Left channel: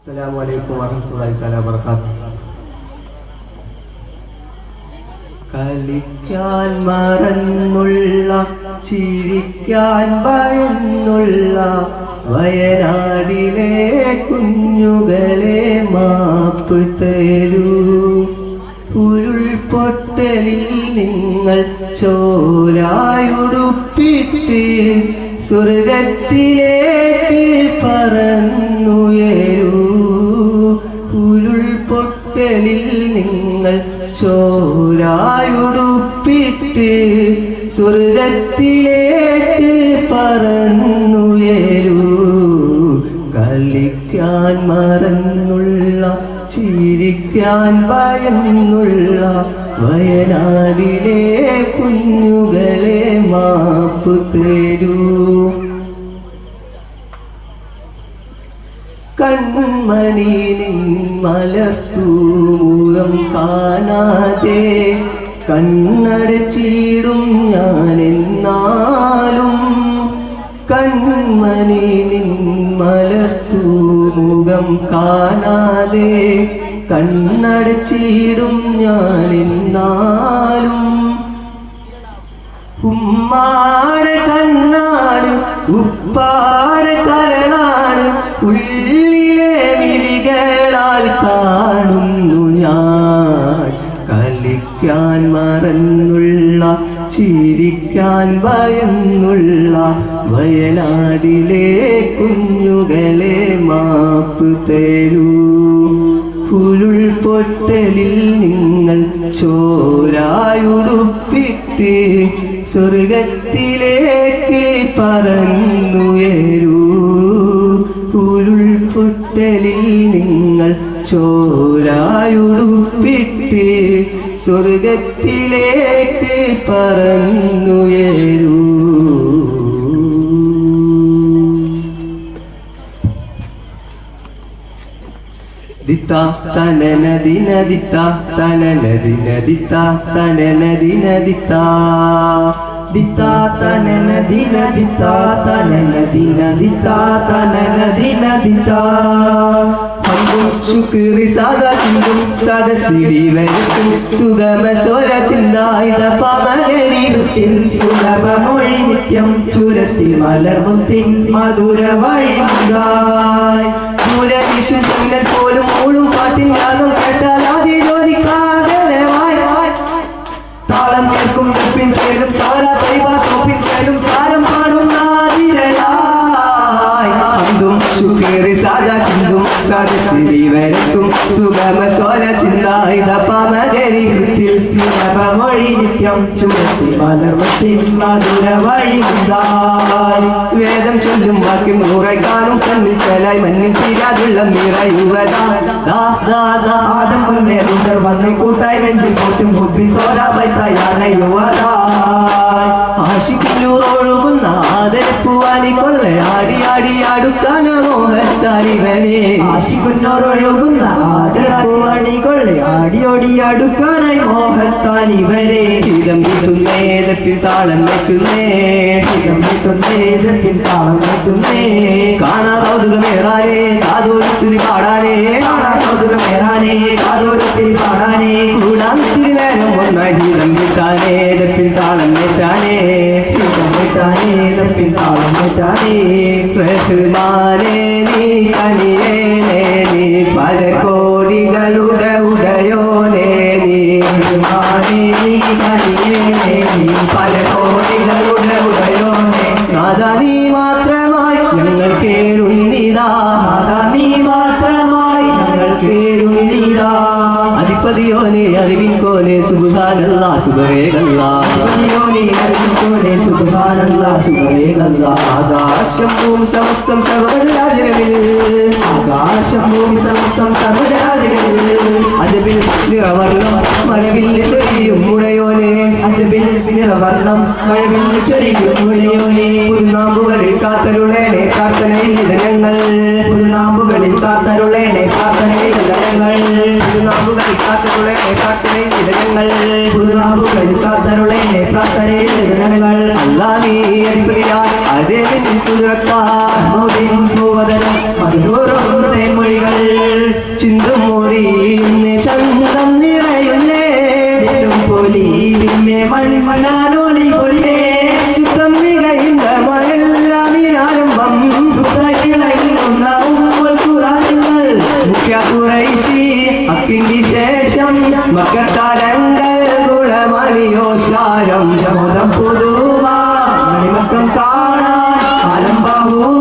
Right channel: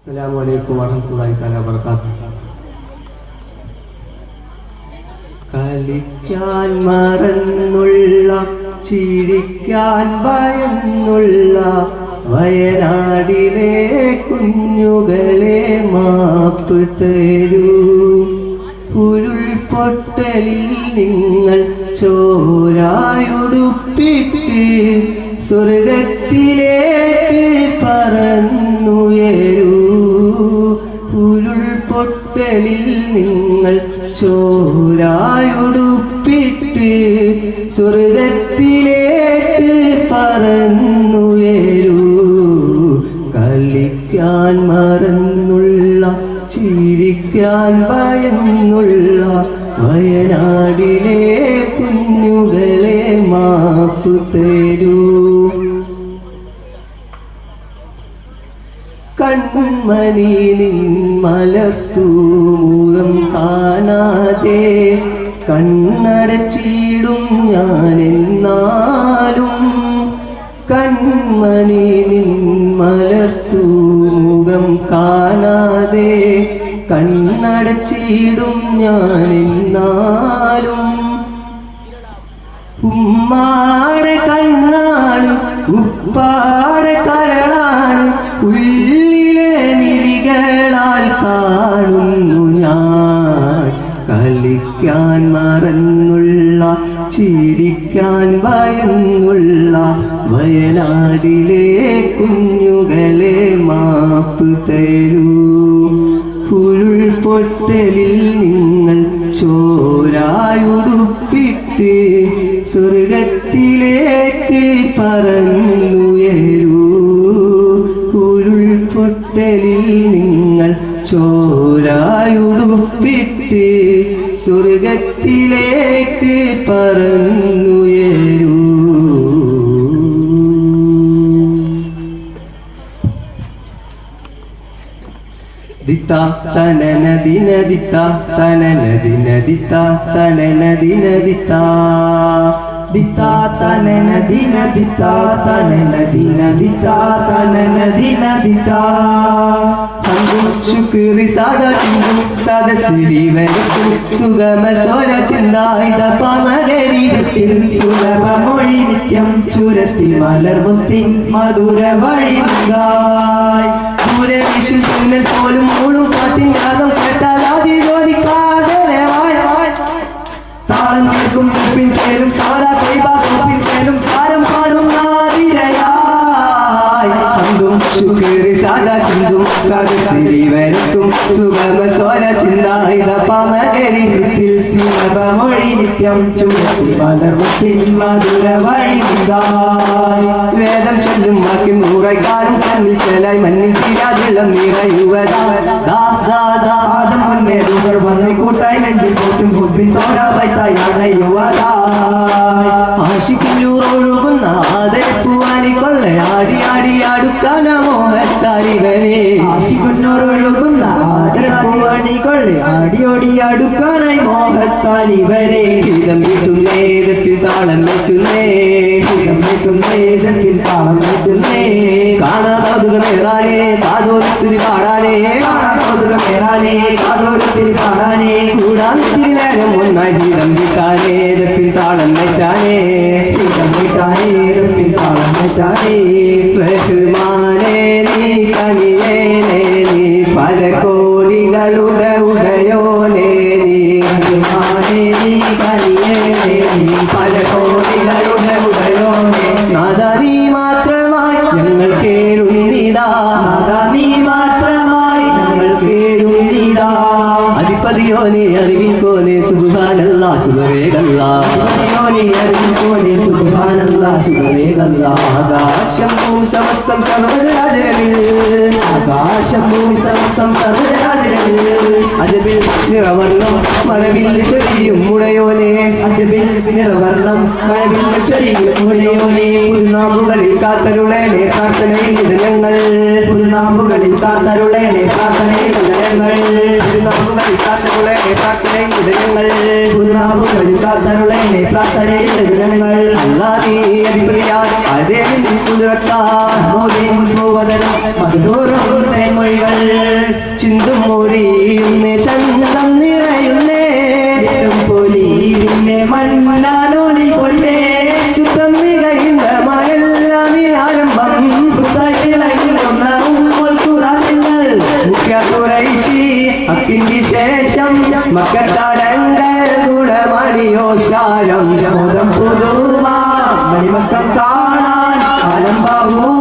السلام عليكم ورحمة الله تعالى وبركاته കളിക്കാൻ മറന്നുള്ള ചിരിക്കാൻ ഭയന്നുള്ള വയനാടിലെ കുഞ്ഞുകളെ മാപ്പ് തരൂ ഉരുൾപൊട്ടലിൽ നിങ്ങൾ ചോരായുടുപ്പിട്ട് സ്വർഗത്തിലേക്ക് പറന്നുയരൂ ചോരായുടുപ്പിട്ട് സ്വർഗത്തിലേക്ക് പറന്നുയരൂ. കളിക്കാൻ മറന്നുള്ള ചിരിക്കാൻ ഭയന്നുള്ള വയനാടിലെ കുഞ്ഞുകളെ മാപ്പു തരൂ. കൺമണി നിൻ മലർത്തു. എന്നാലും കൺമണി മലർത്തു മുഖം കാണാതെ കണ്ണടച്ചിടും ഞാൻ എന്നാലും ഭയന്നുള്ള വയനാടിലെ കുഞ്ഞുകളെ മാപ്പ് തരൂ. ഉരുൾപൊട്ടലിൽ നിങ്ങൾ ചോരായുടുപ്പിട്ട് സ്വർഗത്തിലേക്ക് പറന്നുയരൂ. ഉരുൾപൊട്ടലിൽ നിങ്ങൾ ചോരായുടുപ്പിട്ട് സ്വർഗത്തിലേക്ക് പറന്നുയരൂ. ശുക്രി സാദ സദസ്സിടി വരത്തിൽ സുഗമ സ്വര ചിന്തായുധ പവനരീടത്തിൽ സുലഭമൊഴി നിത്യം ചുരത്തി മലർമുത്തി മധുര വഴിമുകായി ദൂരവിശുദ്ധങ്ങൾ നിത്യം ചുമത്തി വഴിമുണ്ടായി വേദം ചൊല്ലും വാക്യം കാണും കണ്ണിൽ ചെലായി മണ്ണിൽ തീരാതുള്ള നിറയുവതാ. ദാ ദാ ദാ. ആദം മുന്നേ ദൂതർ വന്ന് കൂട്ടായി കൊള്ളയാടി ആദരപ്പൂവണി കൊള്ളെ ആടിയോടി അടുക്കാനായി വീട്ടുന്നേതപ്പിൽ താളം വെക്കുന്നേ എതിർപ്പിൽ താളം വെട്ടുന്നേ കാണാതോതുകമേറാനേ കാതോരത്തിരി പാടാനേ പല കോടികളുടെ ഉടയോനേ നാദാ മാത്രമായി ഞങ്ങൾ കേറുന്നിതാ നാദാ നീ മാത്രമായി ഞങ്ങൾ കേഴുന്നീരാ അധിപതിയോനെ അറിവിൻ കോനെ സുബാനല്ല സുബവേഗല്ല യോനെ അറിവിക്കോനെ സുബ്ഹാനല്ലാ സുബ്ഹാനല്ലാ ആകാശം ഭൂമി സമസ്തം സർവരാജകളിൽ ആകാശം ഭൂമി സമസ്തം സർവരാജകളിൽ അജബിൽ നിറവർണം മറവിൽ മുഴയോനെ അജബിൽ നിറവർണം മഴവിൽ ചൊരിയും മുളയോനെ പുൽനാമ്പുകളിൽ കാത്തരുളേനെ പ്രാർത്ഥനയിൽ ഇതങ്ങൾ പുതുനാമ്പുകളിൽ കാത്തരുളേനെ പ്രാർത്ഥനയിൽ ഞങ്ങൾ പുതുനാമ്പുകളിൽ കാത്തരുളേനെ പ്രാർത്ഥനയിൽ ഇതങ്ങൾ പുതുനാമ്പുകളിൽ കാത്തരുളേനെ പ്രാർത്ഥനയിൽ ഞങ്ങൾ അല്ലാ നീ അധിപതിയായി അതേ കുതിരക്കാ മധുരോറും മൊഴികൾ. ചിന്തും அதிசாரம் முதம் புதுவா மணிமக்கம் காணான் அலம்பாவோ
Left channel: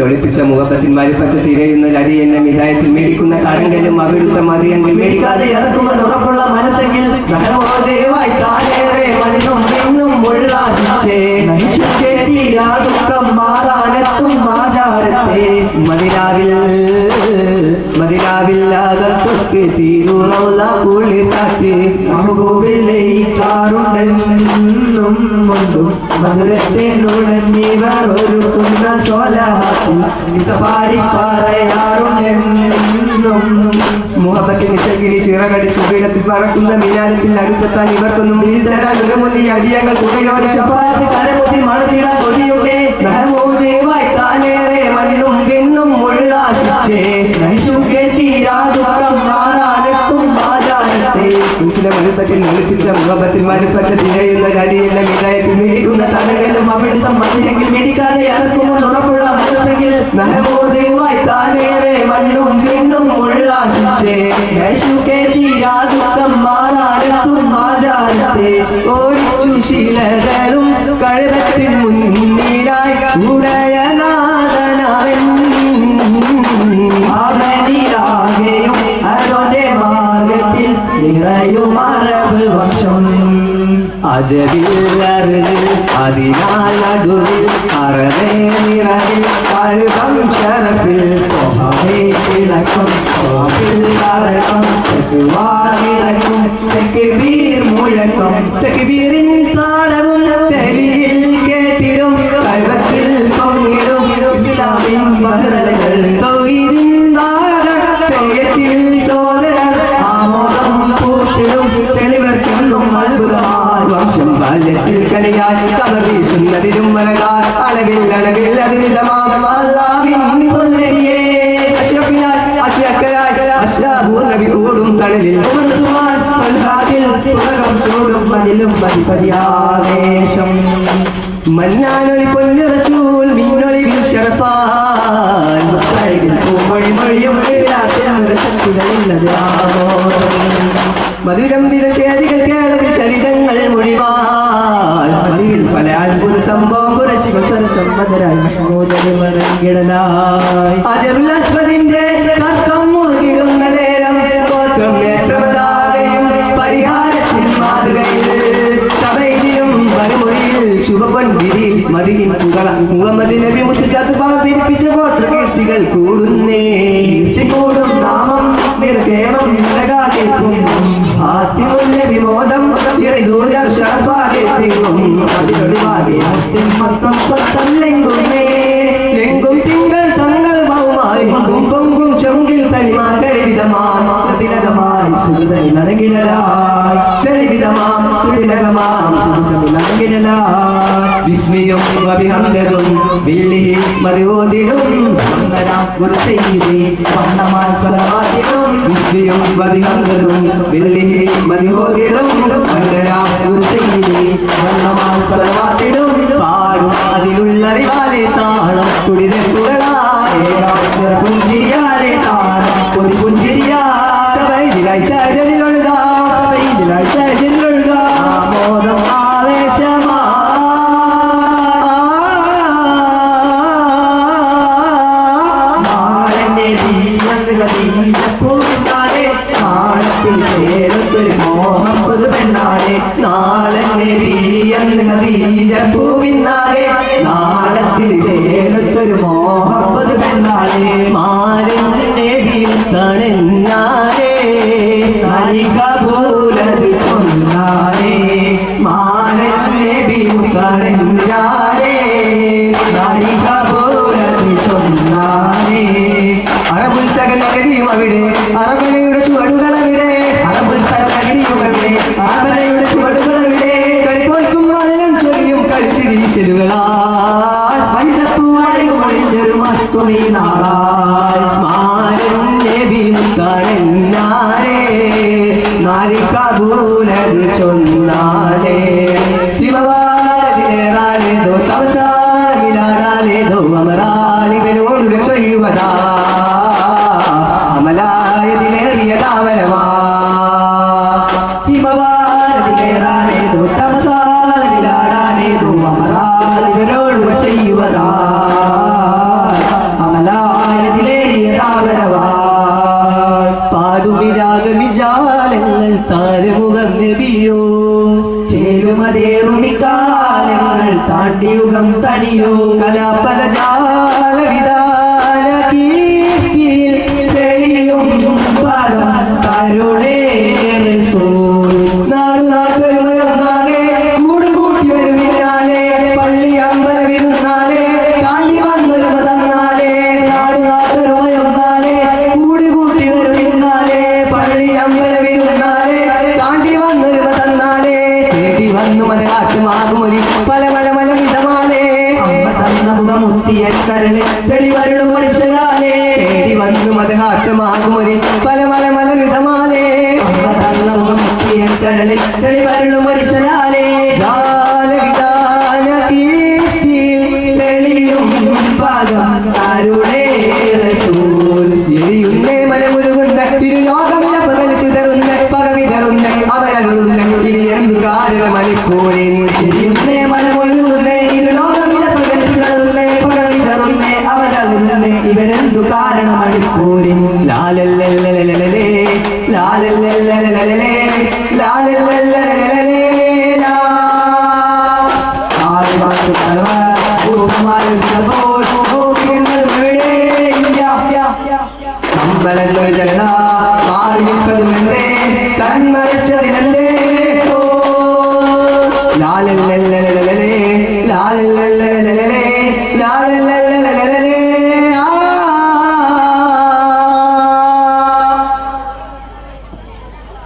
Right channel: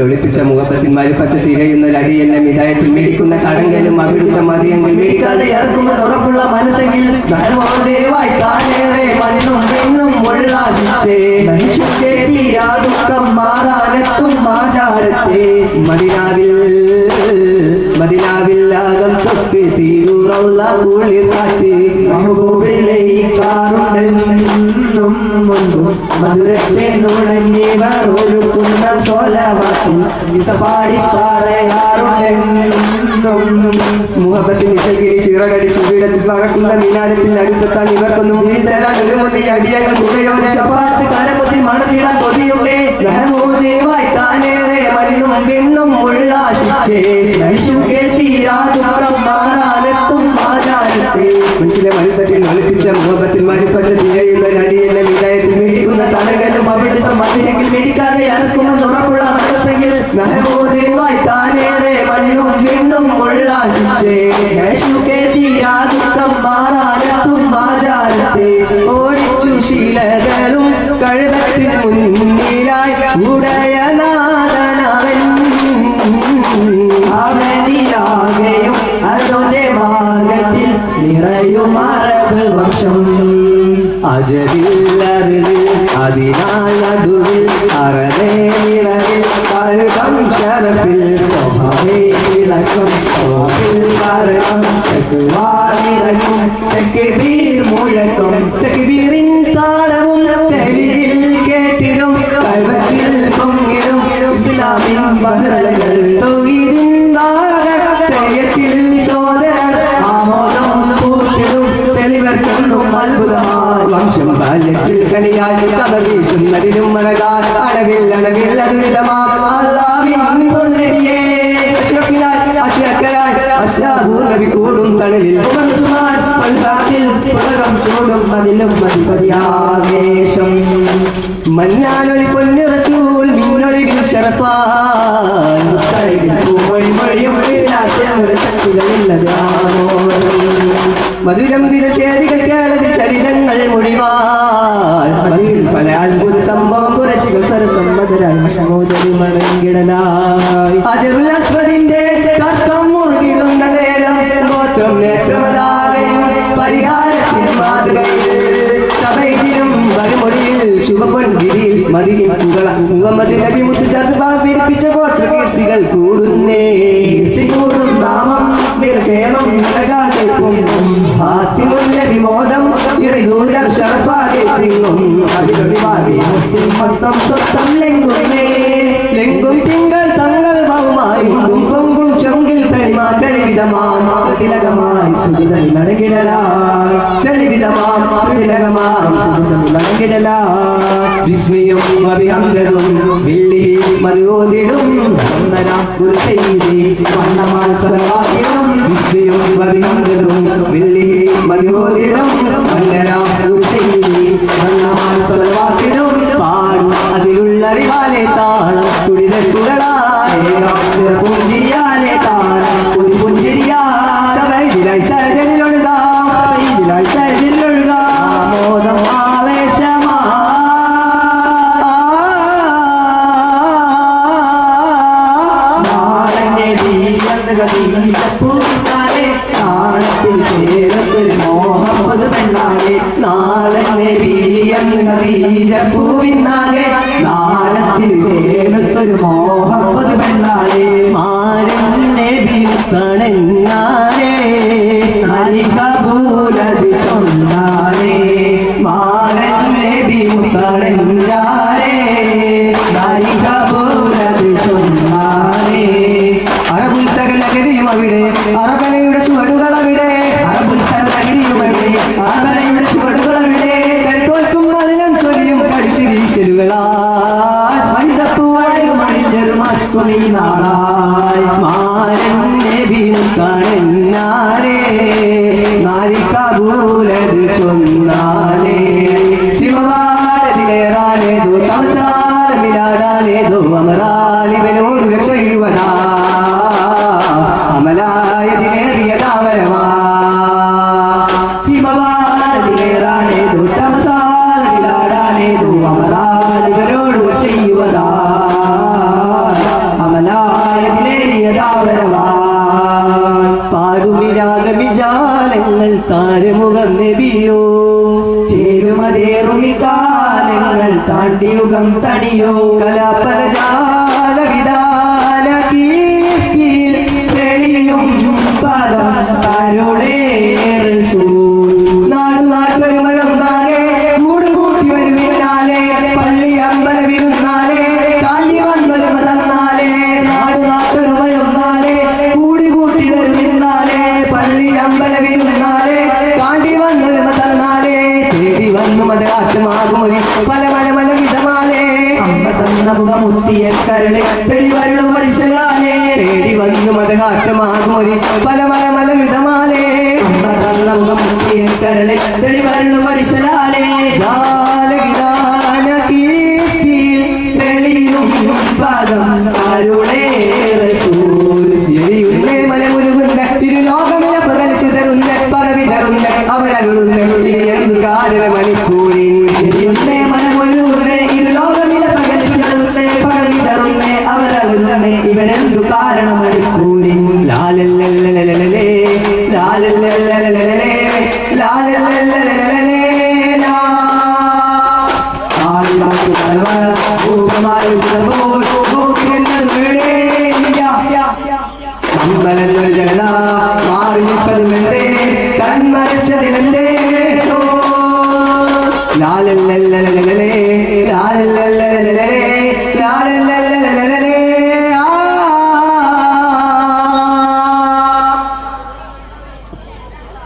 ഒളിപ്പിച്ച മുഖപ്പത്തിന്മാര് പച്ച തിരയുന്ന ലടി എന്നെ മിതായത്തിൽ മേടിക്കുന്ന കടങ്കലും അവിടുത്തെ മതിയെങ്കിൽ മേടിക്കാതെ ഇറക്കുമെന്ന് ഉറപ്പുള്ള മനസ്സെങ്കിൽ തൊക്കെ തീരുറവുള്ള കുളിരാറ്റ് മധുരത്തെ നുഴഞ്ഞിവർ ഒരുക്കുന്ന സോലവാത്തിൽ വിസപാടി പറയാറുണ്ടെന്നും മുഹബത്തിന് ശകിരി ചിറകടിച്ച് വീടത്തിൽ പറക്കുന്ന മിനാരത്തിൽ അടുത്തെത്താൻ ഇവർക്കൊന്നും വീതരാൻ മുന്നിൽ അടിയങ്ങൾ മുഖയോടെ ശപാത്ത് കരപതി മണതിട കൊതിയുണ്ടേ ധനമോദേവായി താനേറെ മണ്ണും പെണ്ണും നൈശുക്കെ തീരാദുഃഖം മരുത്തട്ടിൽ ഒളിപ്പിച്ച മുഖപത്തിന്മാര് പച്ച തിരയുന്ന നടിയെന്ന മിനായത്തിൽ മേടിക്കുന്ന തടകലും അവിടുത്തെ മതിലെങ്കിൽ മേടിക്കാതെ ഇറക്കുമെന്ന് ഉറപ്പുള്ള മനസ്സെങ്കിൽ ധനമോദേവായി താനേറെ മണ്ണും പെണ്ണും ഉള്ളാശിച്ചേ. തീരാദുഃഖം മാറാനെത്തും ആചാരത്തെ ഓടിച്ചു ശീലകളും കഴുതത്തിൽ മുന്നിലായി കൂടും ഉലകം ചൂടും മതിലും മതിപതിയാവേശം റസൂൽ ചരിതങ്ങൾ മൊഴിവാൻ മതിയിൽ പല അത്ഭുത സംഭവം കുറശിവ സരസമ്മതരായി മോദരി മരങ്കിടലായി അജറുലസ്വദിന്റെ തിങ്ങും അതിലൊളിവാകെ മുത്തിൻ മൊത്തം സ്വത്തം ലെങ്കുന്നേ എങ്കും തിങ്കൾ തങ്ങൾ മൗമായി കുങ്കും ചൊങ്കിൽ തളിമാ തെളിവിതമാം തിലകമായി സുഹൃതയിൽ അടങ്ങിടലായി തെളിവിതമാം തിലകമാം സുഹൃതയിൽ അടങ്ങിടലായി വിസ്മയും അഭിഹംദതും വില്ലിഹി മതിവോതിടും വന്ദന ഒരു ചെയ്തി സവാദ്യം വിസ്മയും ജീവന്തുകളെ നാളത്തിൽ ചേരത്തൊരു മോഹം പുതുപെണ്ണാലെ നാളെ പൂവിനാലെ നാളത്തിൽ ചേരത്തൊരു മോഹം കടന്നാരേ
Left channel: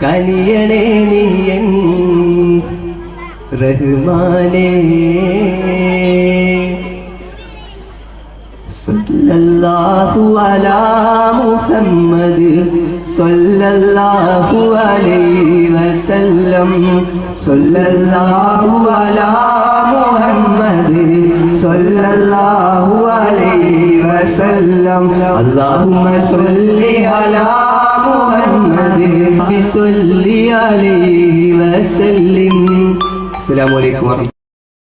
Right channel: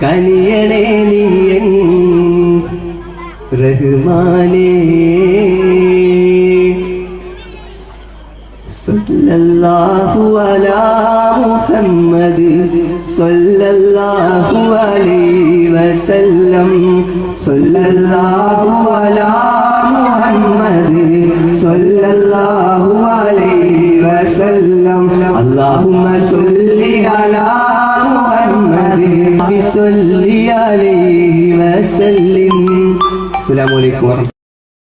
കനിയണേ നീയൻ റഹ്മാനേ. സല്ലല്ലാഹു അലാ മുഹമ്മദ് സല്ലല്ലാഹു അലൈഹി صلى الله على محمد صلى الله عليه وسلم. اللهم صل على محمد. صل عليه وسلم. السلام عليكم ورحمة